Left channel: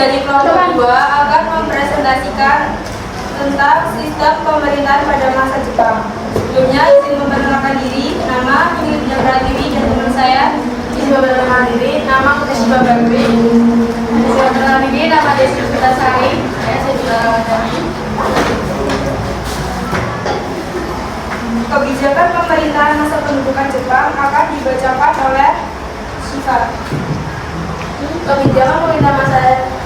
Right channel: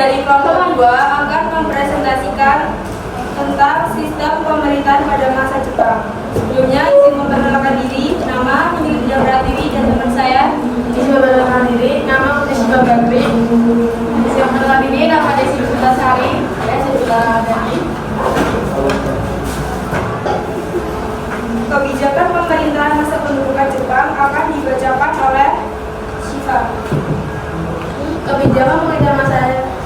dari kelompok 2 akan mempresentasikan tentang sistem pemerintahan pada masa Jepang. Sebelumnya izin memperkenalkan diri, nama Filipiana Pratiwi dan teman saya. Izin memperkenalkan diri, nama Putri Bakri. Izin memperkenalkan diri, nama Desi Putasari. Saya juga dari. Kebijakan pemerintahan masa pendudukan Jepang akan dibacakan oleh Shiva. Kebijakan pemerintahan masa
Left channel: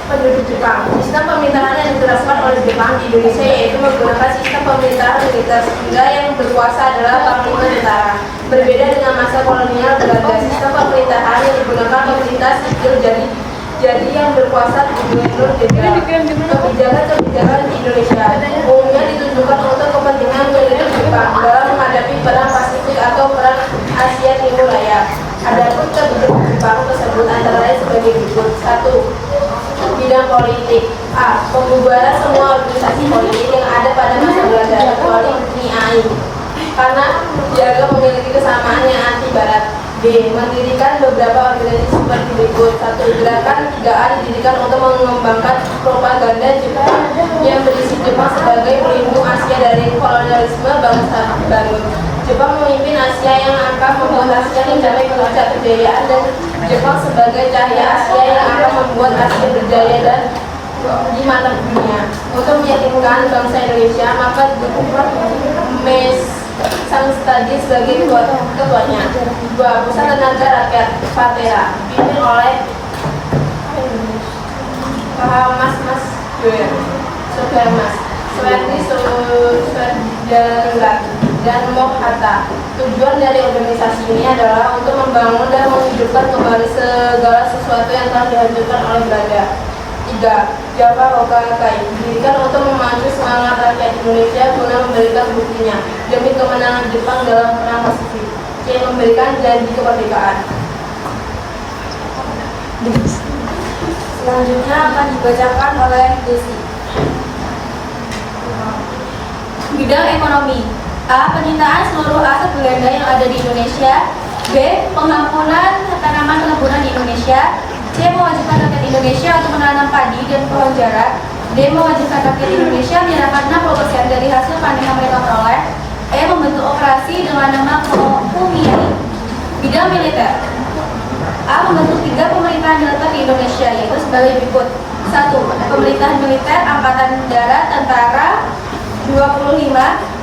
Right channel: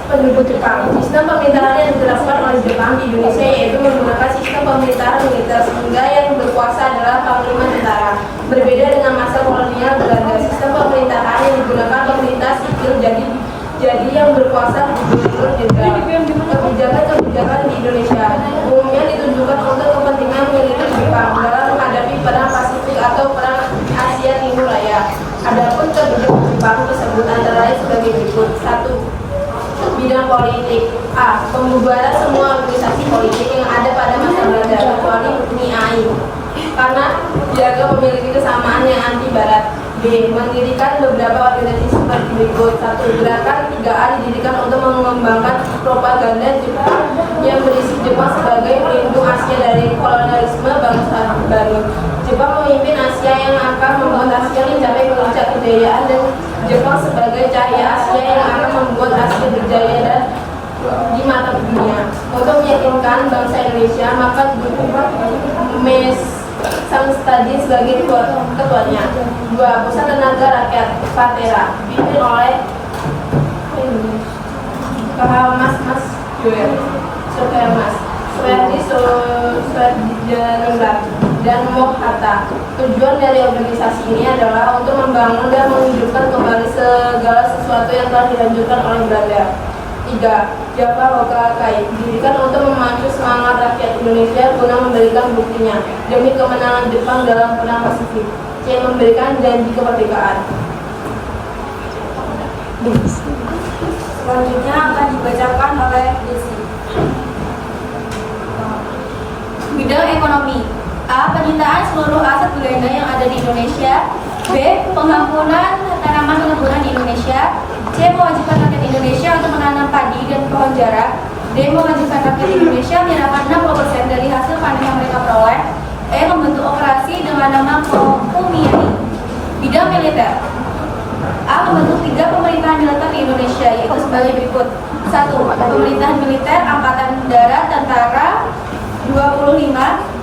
penduduk Jepang. Sistem pemerintahan yang diterapkan oleh Jepang di Indonesia yaitu menggunakan sistem pemerintahan militer, sehingga yang berkuasa adalah panglima tentara. Berbeda dengan masa kolonial Belanda, sistem pemerintahan yang digunakan pemerintah sipil, jadi yang berkuasa gubernur jenderal. Kebijakan di Indonesia umumnya ditujukan untuk kepentingan militer Jepang dalam menghadapi perang Pasifik atau perang Asia Timur Raya. Adapun kebijakan Jepang tersebut antara lain sebagai berikut: 1. Bidang politik. A. Pembubaran semua organisasi politik yang ada pada masa Belanda kecuali NIAI karena dianggap memiliki kesamaan yang anti Barat. B. Mendirikan beberapa organisasi seperti berikut: 1. Gerakan 3A didirikan untuk mengembangkan propaganda Jepang yang berisi Jepang sebagai pelindung Asia dari kolonialisme bangsa baru. Jepang memimpin Asia yang akan membuat Asia mencapai puncak kejayaan, dan Jepang sebagai cahaya Asia yang akan membuat Asia berjaya dan di mata dunia. Untuk meyakinkan bangsa Indonesia, maka dukung Mes Sang Stadi sebagai ketuanya. 2. Pusat Tenaga Rakyat Patera dipimpin oleh Mas Doer Soehardi Soedarjo dan Mohatta. Tujuan dari organisasi ini adalah untuk membangun dan menghidupkan kembali segala sesuatu yang telah dihancurkan oleh Belanda. 3. Java Hokakai didirikan untuk memacu semangat rakyat Indonesia guna memberikan buktinya demi kemenangan Jepang dalam perang Pasifik, yang memberikan janji kemerdekaan. Selanjutnya akan dibacakan oleh Desi. Bidang ekonomi. A. Penyitaan seluruh aset Belanda yang ada di Indonesia. B. Pengampunan tanaman perkebunan di Indonesia. C. Mewajibkan rakyat Indonesia untuk menanam padi dan pohon jarak. D. Mewajibkan rakyat Indonesia menyerahkan 60% dari hasil panen yang mereka peroleh. E. Membentuk operasi dengan nama Kumiai. Bidang militer. A. Membentuk 3 pemerintahan militer di Indonesia, yaitu sebagai berikut: 1. Pemerintahan militer Angkatan Darat Tentara 25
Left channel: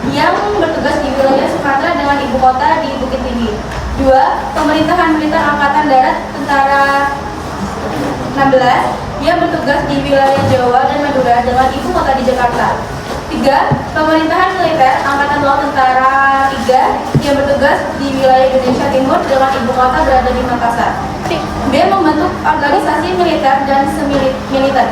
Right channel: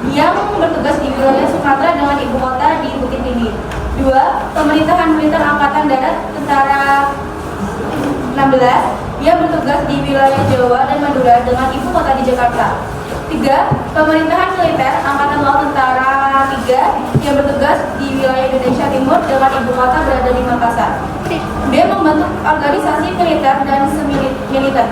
yang bertugas di wilayah Sumatera dengan ibu kota di Bukit Tinggi. 2. Pemerintahan militer Angkatan Darat Tentara 16 yang bertugas di wilayah Jawa dan Madura dengan ibu kota di Jakarta. 3. Pemerintahan militer Angkatan Laut Tentara 3 yang bertugas di wilayah Indonesia Timur dengan ibu kota berada di Makassar. B. Membentuk organisasi militer dan semi-militer.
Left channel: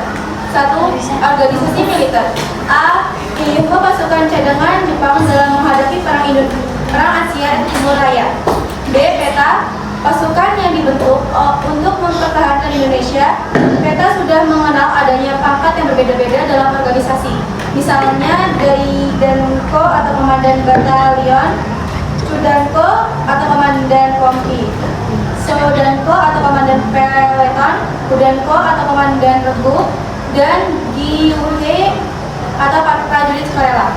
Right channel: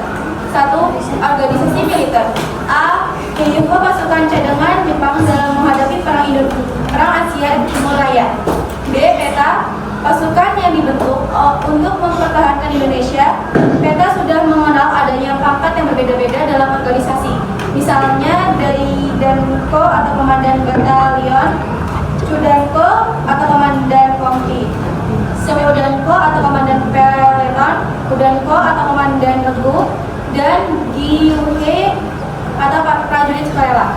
1. Organisasi militer. A. Menyuguh pasukan cadangan Jepang dalam menghadapi perang Asia Timur Raya. B. Peta pasukan yang dibentuk untuk mempertahankan Indonesia. Peta sudah mengenal adanya pangkat yang berbeda-beda dalam organisasi. Misalnya dari Danko atau Komandan Batalion, Sudanko atau Komandan Kompi, Sodanko atau Komandan Peleton, Udanko atau Komandan Regu, dan Gyuhe atau prajurit sukarela.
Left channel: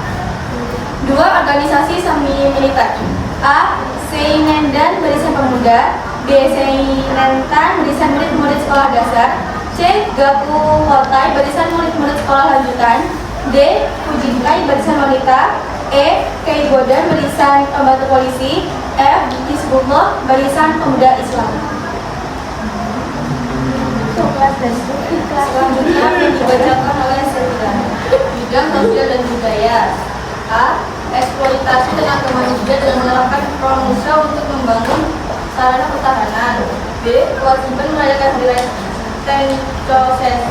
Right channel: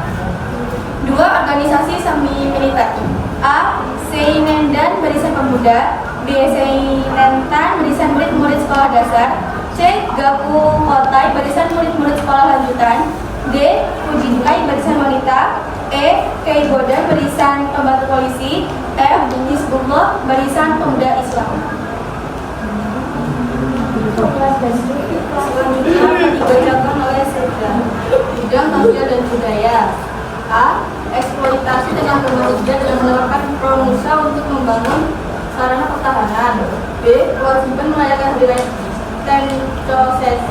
2. Organisasi semi-militer. A. Seinendan Barisan Pemuda. B. Seinentan Barisan Murid-Murid Sekolah Dasar. C. Gaku Hotai Barisan Murid-Murid Sekolah Lanjutan. D. Fujinkai Barisan Wanita. E. Keibodan Barisan Pembantu Polisi. F. Hizbullah Barisan Pemuda Islam. Selanjutnya akan dibacakan oleh Serta. Bidang sosial dan budaya. A. Eksploitasi tenaga manusia dengan menerapkan pramusa untuk membangun sarana pertahanan. B. Kewajiban merayakan hari raya Tencho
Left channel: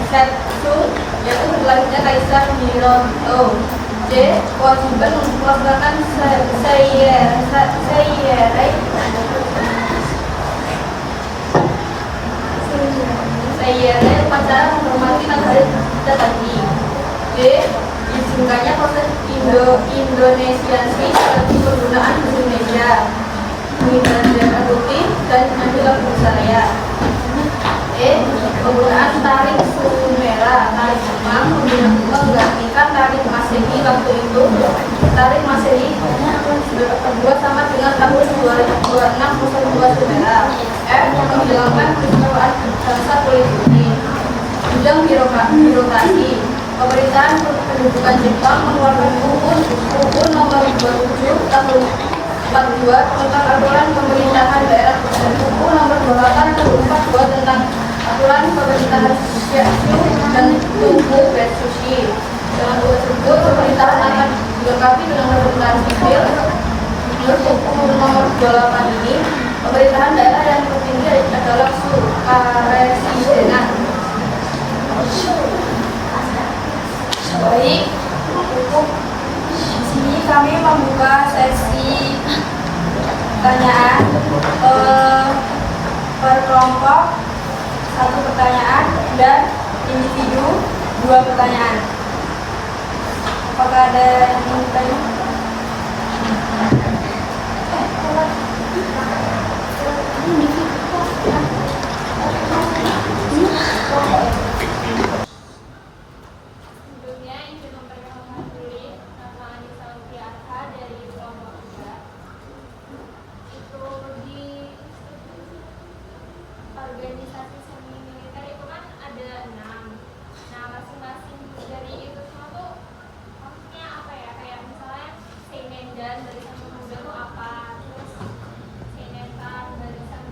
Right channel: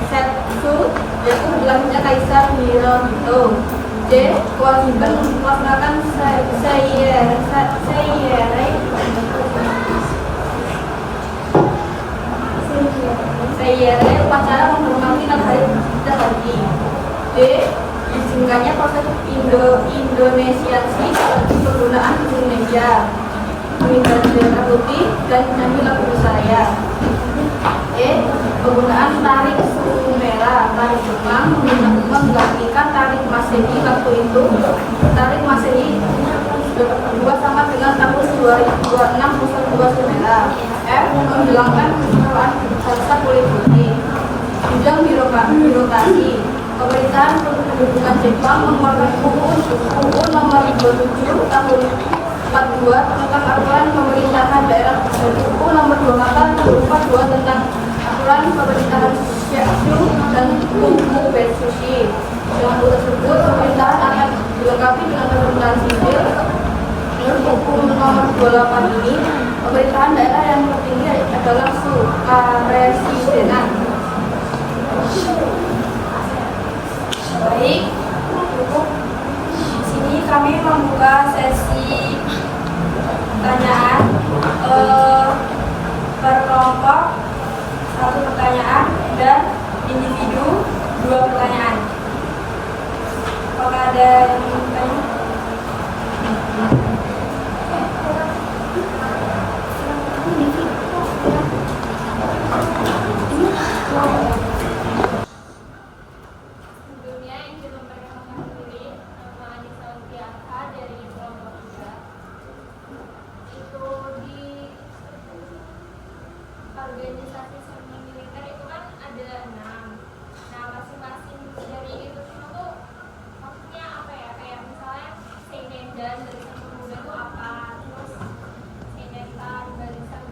Setsu, yaitu hari lahirnya Kaisar Hirohito. D. Kewajiban untuk melaksanakan Seiyere upacara menghormati matahari Jatagi. D. Diizinkannya proses Indonesiasi seperti penggunaan Indonesia, pengibaran bendera putih, dan menyanyi lagu Nusantara. E. Penggunaan tarik suku merah tarik Jepang menggantikan tarik Masehi waktu itu. Tarik Masehi berdua sama dengan tahun 2026 Sumera. F. Menghilangkan kekecewaan bangsa politik. Bidang birokrasi. Pemerintahan kependudukan Jepang mengeluarkan UU nomor 27 tahun 42 tentang aturan pemerintahan daerah tertentu, UU nomor 28 tahun 42 tentang aturan pemerintahan Shinshu dan Tokugatsushi. Dengan UU tersebut, pemerintahan akan dilengkapi dengan pemerintahan sipil. Menurut UU nomor 28 ini, pemerintahan daerah yang tertinggi adalah Sukaresidenan. Baik, cukup. Di sini kami membuka sesi pertanyaan per kelompok 1 pertanyaan dan individu 2 pertanyaan. Apakah ada yang ingin bertanya? Sebelumnya ingin memperkenalkan diri, nama Anissa Widiarta dari kelompok 3. Itu di organisasi semi militer itu kan ada 6. Nah, masing-masing dari itu semua tuh maksudnya apa ya? Kayak misalnya Seinendan barisan pemuda tuh apa? Terus Seinetan barisan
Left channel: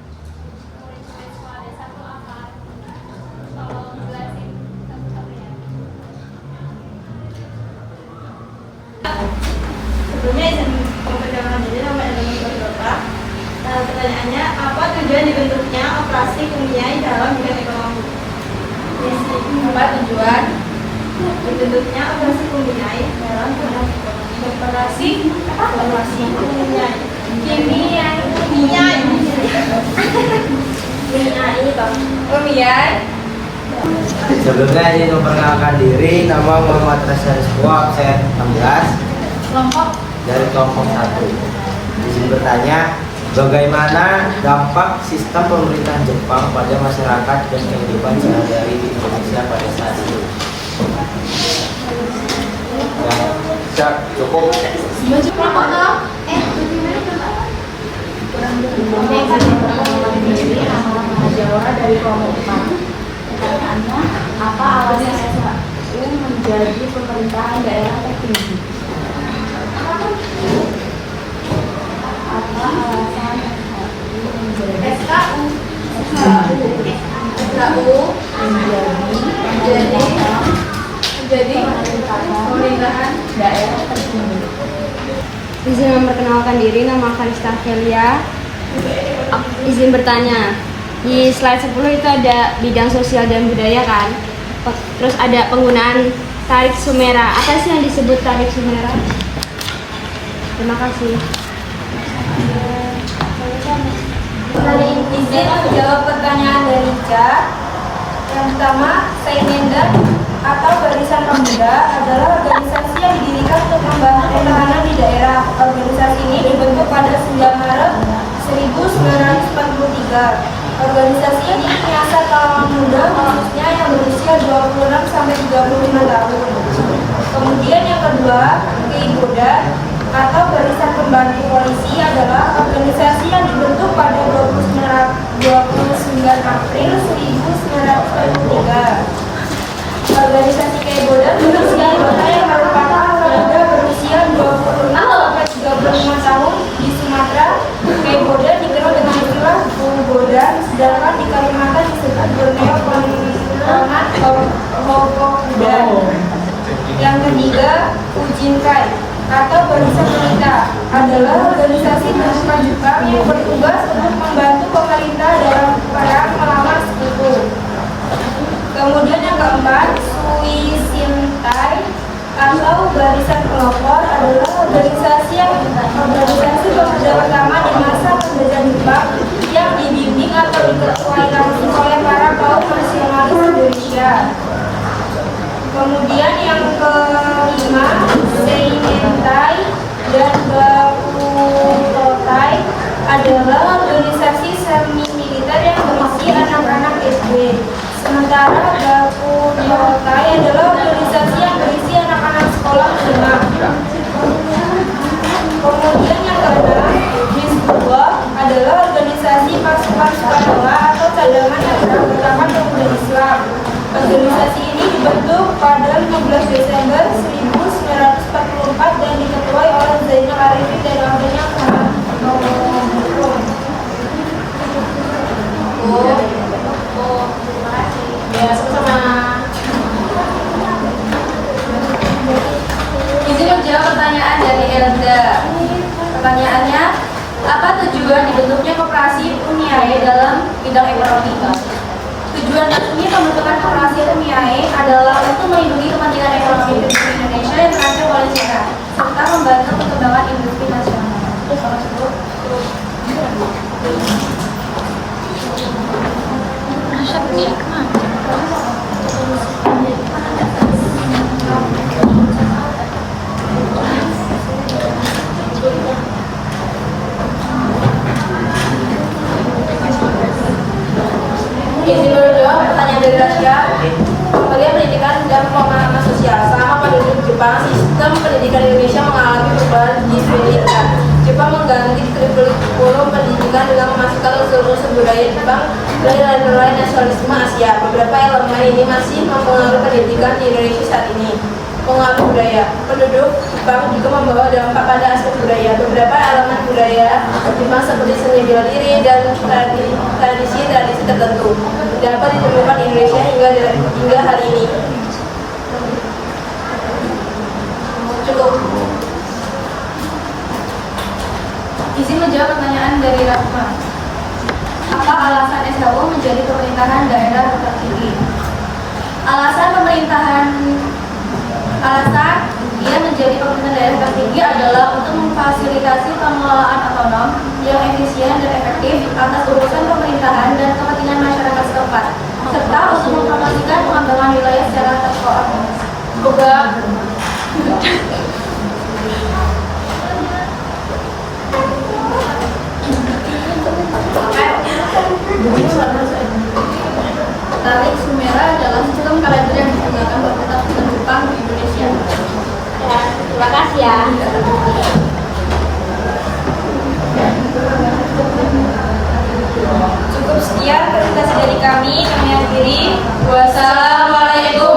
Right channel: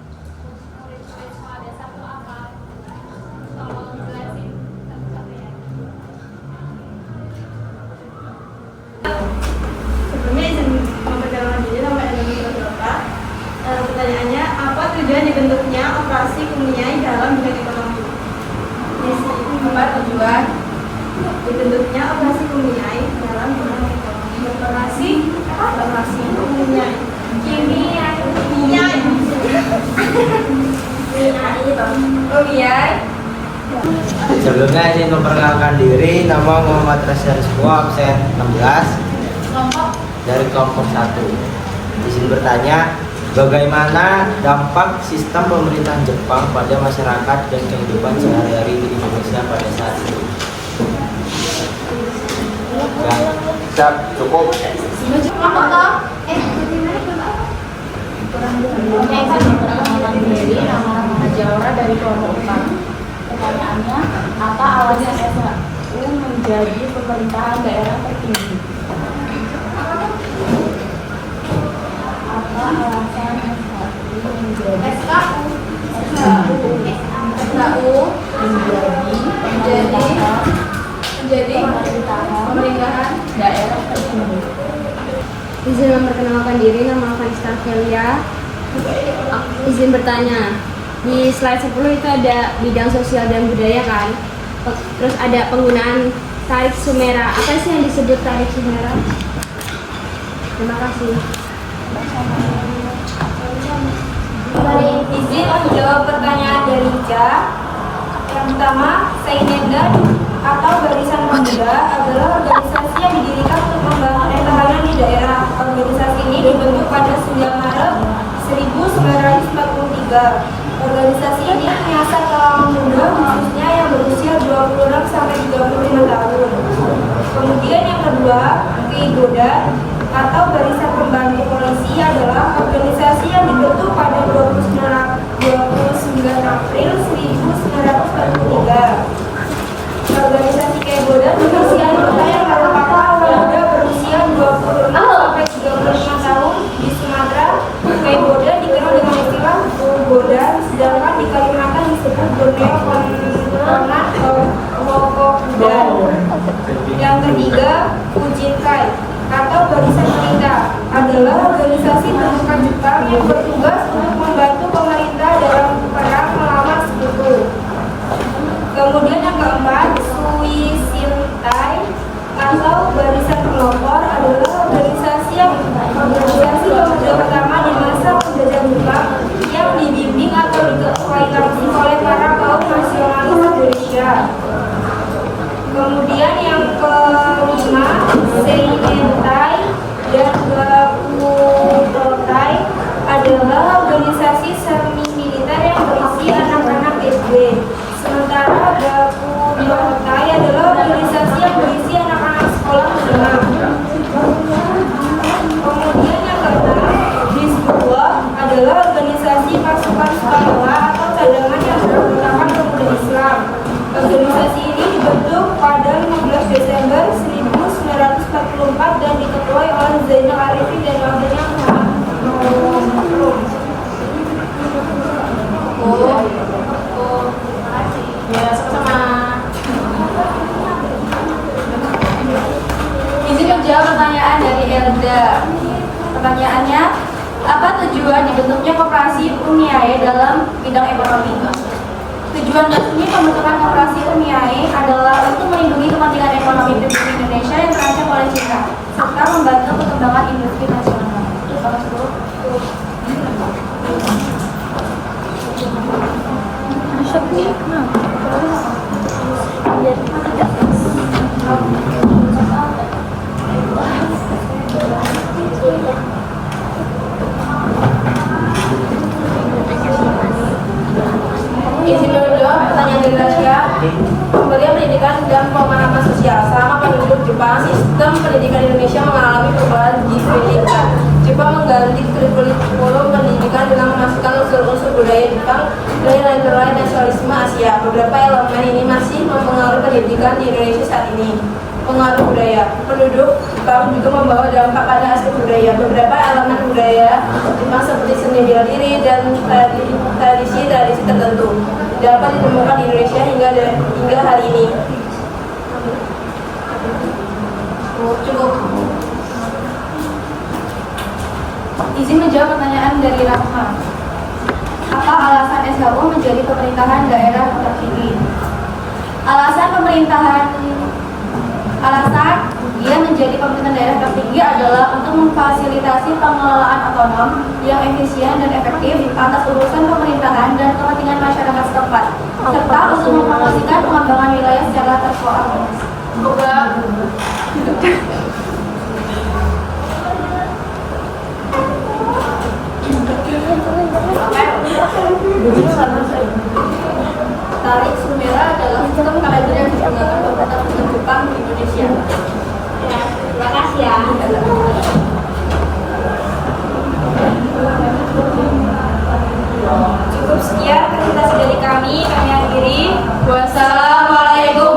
murid-murid sekolah dasar tuh apa? Tolong jelasin satu-satu ya. Sebelumnya izin memperkenalkan diri, nama Elena Bapak. Pertanyaannya, apa tujuan dibentuknya operasi Kumiai dalam bidang ekonomi? Apa tujuan dibentuknya operasi Kumiai dalam bidang ekonomi? Operasi Kumiai. Kumiai. Sebelumnya izin memperkenalkan diri, nama Muhammad Reza Rizko, absen 16 dari kelompok 1. Izin bertanya, bagaimana dampak sistem pemerintahan Jepang pada masyarakat dan kehidupan sehari-hari di Indonesia pada saat itu? Ya, siap, cukup. Diri nama Rahmana Jawara dari kelompok 4. Pertanyaannya, apa alasan SHU menjadi pemerintahan daerah tertinggi? Apa alasan SHU menjadi pemerintahan daerah tertinggi? Izin memperkenalkan diri, nama Kalista Velia. Izin bertanya, di slide 10 itu ada bidang sosial dan budaya kan? Terus ada penggunaan tarik Sumera. Apa sih yang disebut tarik Sumera? Terima kasih. Izin menjawab pertanyaan dari Ika. Yang pertama, Seinendan atau Barisan Pemuda adalah organisasi yang didirikan untuk membangun pertahanan di daerah. Organisasi ini dibentuk pada 9 Maret 1943. Organisasi ini menyasar kalangan muda khususnya yang berusia 26 sampai 35 tahun. Kemudian yang kedua, Keiboda atau Barisan Pembantu Polisi adalah organisasi yang dibentuk pada 29 April 1943. Organisasi Keiboda berusia yang merupakan pemuda berusia 26 sampai 35 tahun di Sumatera. Keiboda dikenal dengan istilah Boda, sedangkan di Kalimantan disebut Borneo Kononat Hokokuda. Yang ketiga, Ujinkai atau Barisan Wanita adalah organisasi terbuka Jepang yang bertugas untuk membantu pemerintah dalam perang melawan sekutu. Kemudian yang keempat, Suishintai atau Barisan Pelopor adalah organisasi pemuda pertama di masa penjajahan Jepang yang dibimbing atau diketuai langsung oleh para kaum nasionalis Indonesia. Kemudian yang kelima, Seinentai dan Gakutotai adalah organisasi semi militer yang berisi anak-anak SD. Sementara Gakutotai adalah Organisasi ini dibentuk pada 15 Desember 1944 dan diketuai oleh Zainal Arifin dan wakilnya Ya, sama-sama. Izin menjawab pertanyaan dari Elda. Pertanyaannya, apa tujuan dibentuknya koperasi Uniae dalam bidang ekonomi? Tujuan resmi pembentukan koperasi Uniae adalah untuk melindungi kepentingan ekonomi publik Indonesia yang terancam oleh Cina, serta membantu perkembangan industri nasional. Izin menjawab pertanyaan dari Rasya. Pemberian pendidikan dan pemahaman sosial selama penduduk Jepang, sistem pendidikan Indonesia mengalami perubahan signifikan. Jepang mengganti kurikulum pendidikan dengan memasukkan unsur-unsur budaya Jepang dari lain nasionalisme Asia. Beberapa elemen ini masih mempengaruhi pendidikan di Indonesia saat ini. Pengaruh budaya. Penduduk Jepang juga membawa dampak pada aspek budaya. Beberapa elemen budaya Jepang seperti seni bela diri dan tradisi tertentu dapat ditemukan di Indonesia hingga hari ini. Cukup. Izin menjawab pertanyaan dari Rahma. Apa alasan SHU menjadi pemerintahan daerah tertinggi? Alasan dia menjadi pemerintahan daerah tertinggi adalah untuk memfasilitasi pengelolaan otonom yang efisien dan efektif atas urusan pemerintahan dan kepentingan masyarakat setempat, serta untuk mempromosikan pengembangan wilayah secara terkoordinasi. Tarik Sumera adalah sistem kalender yang digunakan pemerintah sistem Jepang di Indonesia. Terima kasih ya. Cukup sekian presentasi dari kami akhiri. Wassalamualaikum